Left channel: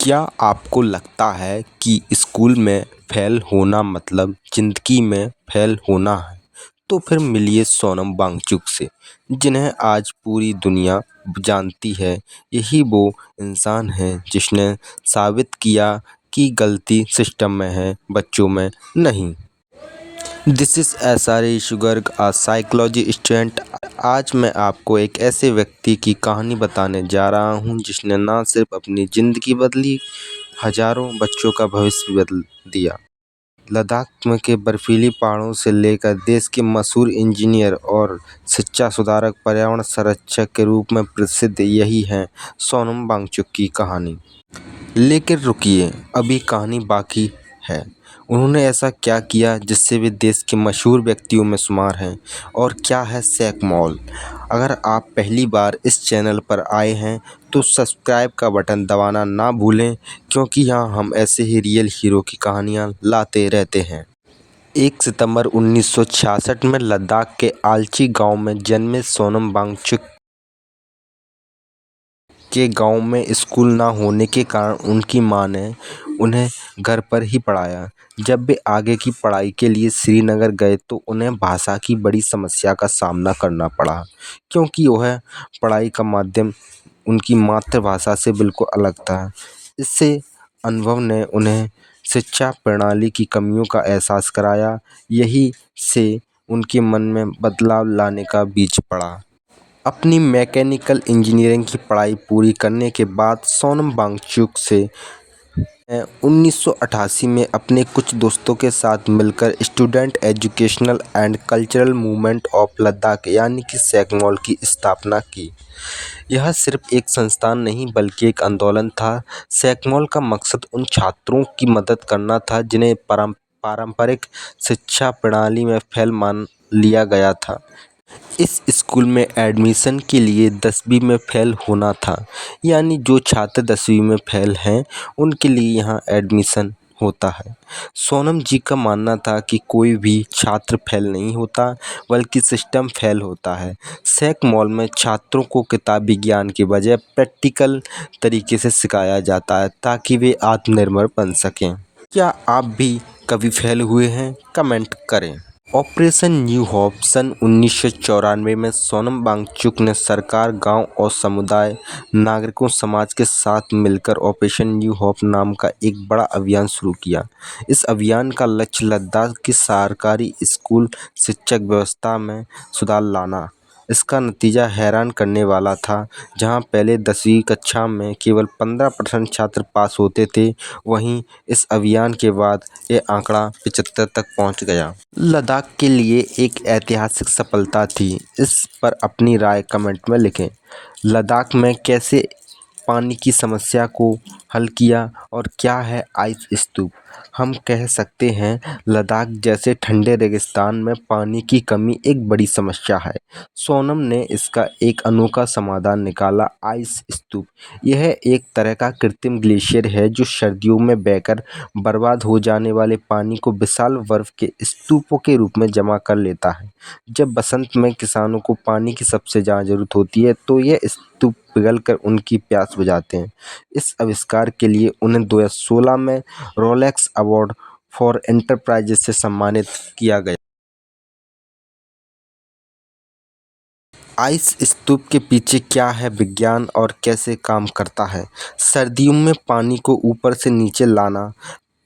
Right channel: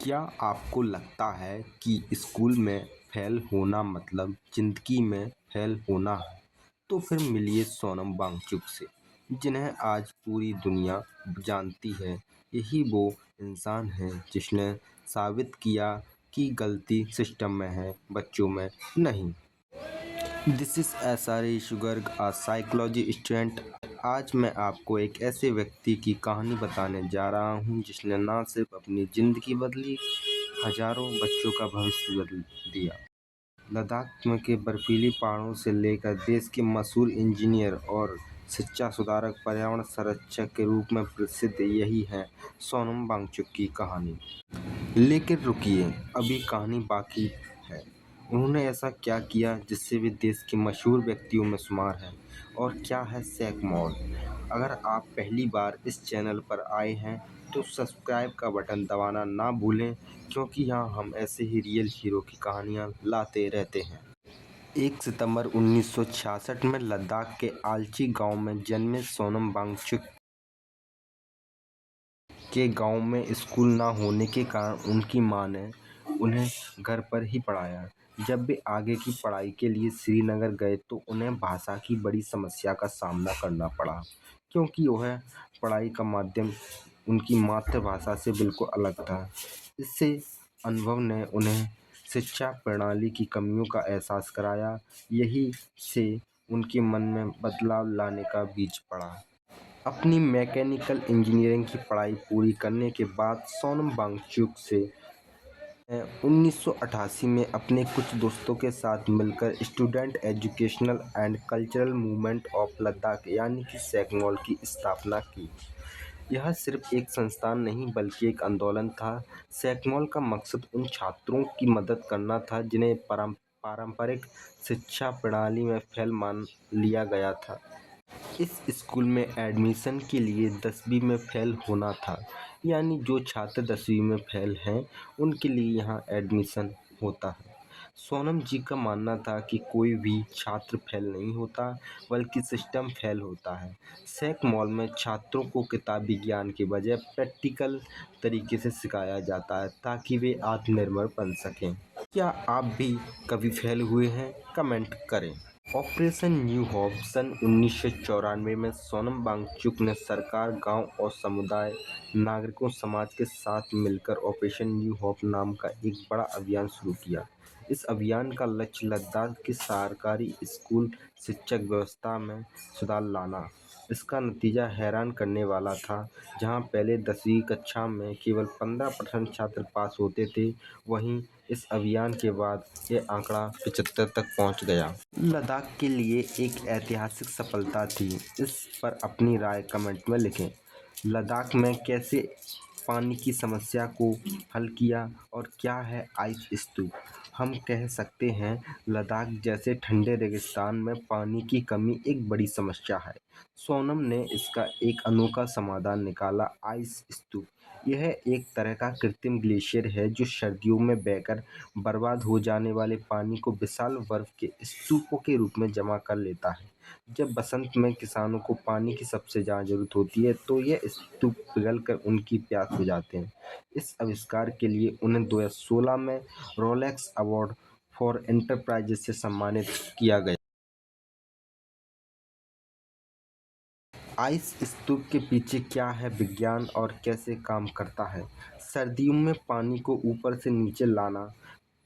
क्या आपको लगता है कि स्कूल में फेल होना मतलब ज़िंदगी में फेल होना है? तो फिर मिलिए सोनम वांगचुक से, जिन्हें आज पूरी दुनिया जानती है। यही वो इंसान है जिसने साबित किया कि गलती सिस्टम में है, बच्चों में नहीं। This is SRE sugar a psychology student. आज मैं आपको एक ऐसे व्यक्ति की कहानी बताने जा रहा हूँ जिसने ना सिर्फ अपनी ज़िंदगी बदली, हजारों बच्चों का भविष्य भी बदल दिया। लद्दाख में के बर्फीली पहाड़ों से लेकर देश के मशहूर इंजीनियर और शिक्षा सुधारक, पर्यावरण संरक्षक के रूप में प्रसिद्ध, यही है सोनम वांगचुक की कहानी। लेकिन रुकिए, अभी कहानी बाकी है। उन्होंने ऐसा क्या किया जिससे वे देश के मशहूर व्यक्तियों में शुमार हैं, और क्या है सैकमॉल? अगर आप पहली बार इस चैनल पर आए हैं तो सब्सक्राइब का बटन दबाना ना भूलें, क्योंकि यहाँ हम ऐसे ही रियल हीरो की कहानियाँ लाते रहते हैं। 1 सितंबर 1966 में लद्दाख के आल्ची गांव में जन्मे सोनम वांगचुक के गांव में स्कूल ना होने के कारण उनकी मां ने उन्हें घर पर ही पढ़ाया। जब वे आगे की पढ़ाई के लिए श्रीनगर गए तो उन्हें भाषा की बड़ी समस्या का सामना करना पड़ा, क्योंकि वह पढ़ाई का माध्यम उनकी मातृभाषा से बिल्कुल अलग था। इससे अनुभव ने उन्हें शिक्षा प्रणाली की कमियों का एहसास कराया। यही से उनके मन में बदलाव लाने का बीज पड़ा। अपनी मैकेनिकल इंजीनियरिंग की पढ़ाई पूरी करने के बाद सोनम वांगचुक से 1988 में अपने कुछ दोस्तों के साथ मिलकर student educational and cultural movement of Ladakh यानी कि सैकमॉल की स्थापना की। यह सिर्फ एक संस्थान नहीं बल्कि एक आंदोलन था। सैकमॉल का मकसद उन छात्रों की मदद करना था जिन्हें पारंपरिक शिक्षा प्रणाली में फेल मान लिया गया था। इस स्कूल में एडमिशन के लिए 10वीं में फेल होना था, यानी जो छात्र 10वीं में फेल हैं उनके लिए यहाँ एडमिशन होता है। सोनम जी का मानना था कि कोई भी छात्र फेल नहीं होता, बल्कि सिस्टम फेल होता है। सैक मॉल में छात्रों को किताबी ज्ञान के बजाय प्रैक्टिकल तरीके से सिखाया जाता है ताकि वे आत्मनिर्भर बन सकें। क्या आप भी कभी फेल हुए हैं? कमेंट करें। ऑपरेशन न्यू होप सन 1994 में सोनम वांगचुक ने सरकार, गांव और समुदाय, नागरिकों, समाज के साथ मिलकर ऑपरेशन न्यू होप नाम का एक बड़ा अभियान शुरू किया। इस अभियान का लक्ष्य लद्दाख की सरकारी स्कूल शिक्षक व्यवस्था में सुधार लाना। इसका नतीजा हैरान करने वाला था। जहां पहले 10वीं कक्षा में केवल 15% छात्र पास होते थे, वहीं इस अभियान के बाद ये आंकड़ा 75 तक पहुंच गया। लद्दाख के लिए एक ऐतिहासिक सफलता थी। इस पर अपनी राय कमेंट में लिखें। लद्दाख में कैसे पानी की समस्या को हल किया, और क्या है आइस स्तूप? हम कह सकते हैं लद्दाख जैसे ठंडे रेगिस्तान में पानी की कमी एक बड़ी समस्या है। सोनम ने इसका एक अनोखा समाधान निकाला, आइस स्तूप। यह एक तरह का कृत्रिम ग्लेशियर है जो सर्दियों में बहकर बर्बाद हो जाने वाले पानी को विशाल बर्फ के स्तूपों के रूप में जमा कर लेता है। जब बसंत में किसानों को पानी की सबसे ज़्यादा ज़रूरत होती है तो ये स्तूप पिघलकर उनकी प्यास बुझाते हैं। इस आविष्कार के लिए उन्हें 2016 में रोलेक्स अवार्ड फॉर एंटरप्राइजेस से सम्मानित किया गया। आइस स्तूप के पीछे क्या है विज्ञान और कैसे काम करता है? सर्दियों में पानी को ऊपर से नीचे लाना।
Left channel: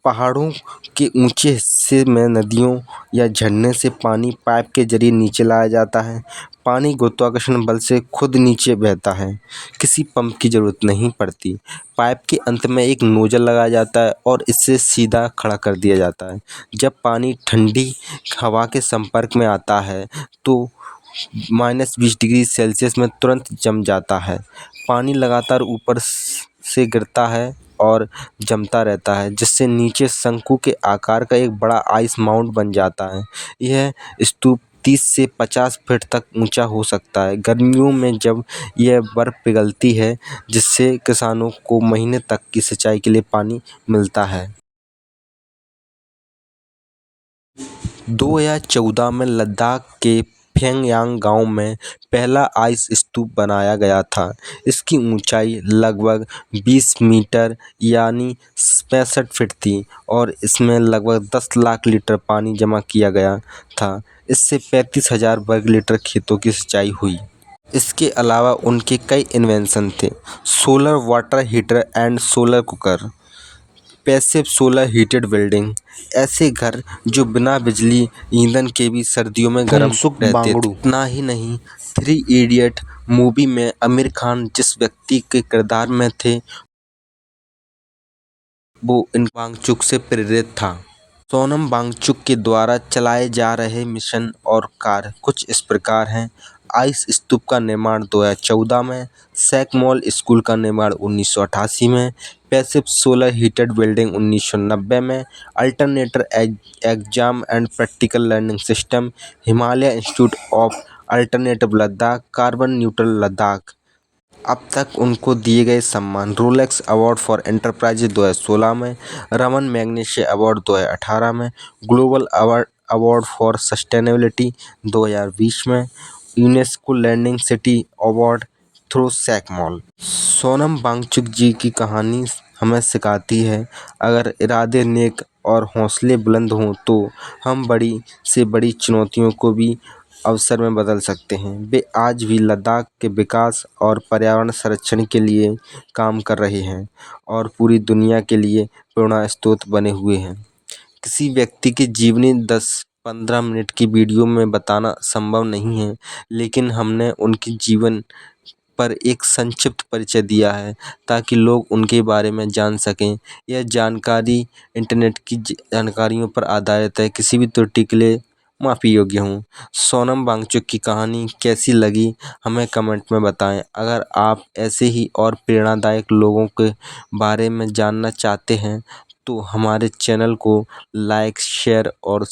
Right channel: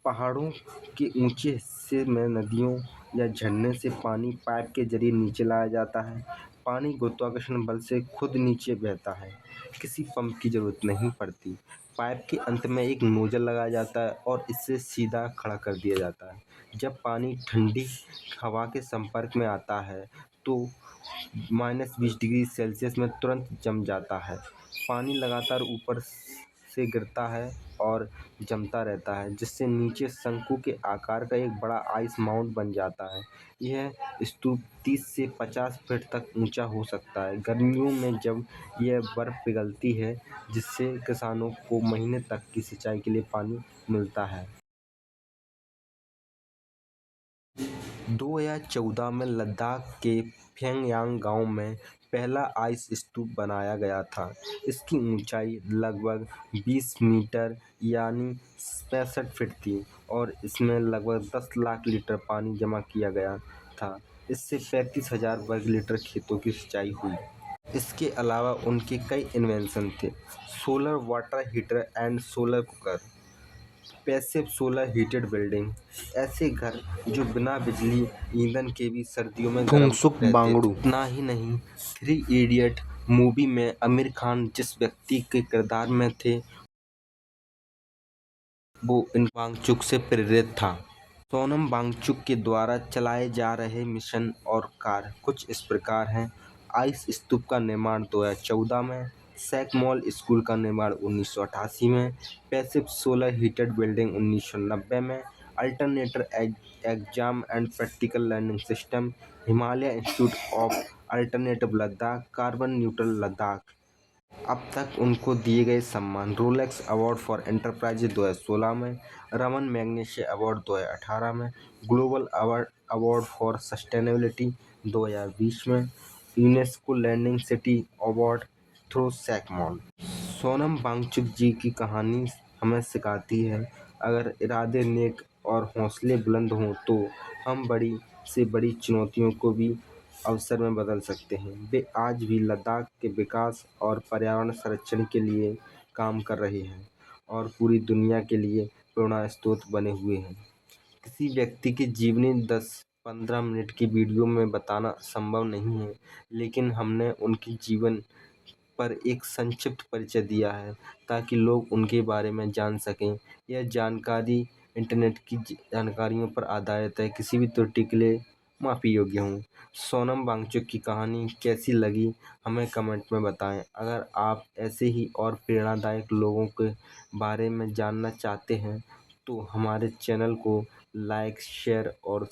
पहाड़ों के ऊंचे हिस्से में नदियों या झरने से पानी पाइप के जरिए नीचे लाया जाता है। पानी गुरुत्वाकर्षण बल से खुद नीचे बहता है, किसी पंप की ज़रूरत नहीं पड़ती। पाइप के अंत में एक नोजल लगाया जाता है और इससे सीधा खड़ा कर दिया जाता है। जब पानी ठंडी हवा के संपर्क में आता है तो -20 डिग्री सेल्सियस में तुरंत जम जाता है। पानी लगातार ऊपर से गिरता है और जमता रहता है, जिससे नीचे शंकु के आकार का एक बड़ा आइस माउंट बन जाता है। यह स्तूप 30 से 50 फीट तक ऊंचा हो सकता है। गर्मियों में जब यह बर्फ पिघलती है, जिससे किसानों को महीने तक की सिंचाई के लिए पानी मिलता है। 2014 में लद्दाख के फेंगयांग गांव में पहला आइस स्तूप बनाया गया था। इसकी ऊंचाई लगभग 20 मीटर यानी 65 फीट थी और इसमें लगभग 10 लाख लीटर पानी जमा किया गया था। इससे 35,000 वर्ग मीटर खेतों की सिंचाई हुई। इसके अलावा उनके कई इन्वेंशन थे: solar water heater and solar cooker, passive solar heated building, ऐसे घर जो बिना बिजली ईंधन के भी सर्दियों में गर्म रहते थे। इतना ही नहीं, थ्री इडियट मूवी में आमिर खान जिस व्यक्ति के किरदार में थे वो इन वांगचुक से प्रेरित था। सोनम वांगचुक के द्वारा चलाए जा रहे मिशन और कार्य कुछ इस प्रकार हैं: आइस स्तूप का निर्माण 2014 में, सैकमॉल स्कूल का निर्माण 1988 में, पैसिव सोलर हीटेड बिल्डिंग 1990 में, alternator exam and practical learning system, Himalaya institute of alternative Ladakh, carbon neutral Ladakh. अब तक उनको दिए गए सम्मान: रोलेक्स अवार्ड फॉर एंटरप्राइज 2016 में, रमन मैग्सेसे अवार्ड 2018 में, ग्लोबल अवार्ड फॉर सस्टेनेबिलिटी 2020 में, UNESCO learning city award through SECMOL. Sonam Wangchuk ji की कहानी हमें सिखाती है, अगर इरादे नेक और हौसले बुलंद हों तो हम बड़ी से बड़ी चुनौतियों को भी अवसर में बदल सकते हैं। वे आज भी लद्दाख के विकास और पर्यावरण संरक्षण के लिए काम कर रहे हैं और पूरी दुनिया के लिए प्रेरणा स्रोत बने हुए हैं। किसी व्यक्ति की जीवनी 10-15 मिनट की वीडियो में बताना संभव नहीं है, लेकिन हमने उनके जीवन पर एक संक्षिप्त परिचय दिया है ताकि लोग उनके बारे में जान सकें। यह जानकारी इंटरनेट की जानकारियों पर आधारित है, किसी भी त्रुटि के लिए माफ़ी योग्य हूँ। सोनम वांगचुक की कहानी कैसी लगी हमें कमेंट में बताएं। अगर आप ऐसे ही और प्रेरणादायक लोगों के बारे में जानना चाहते हैं तो हमारे चैनल को लाइक, शेयर और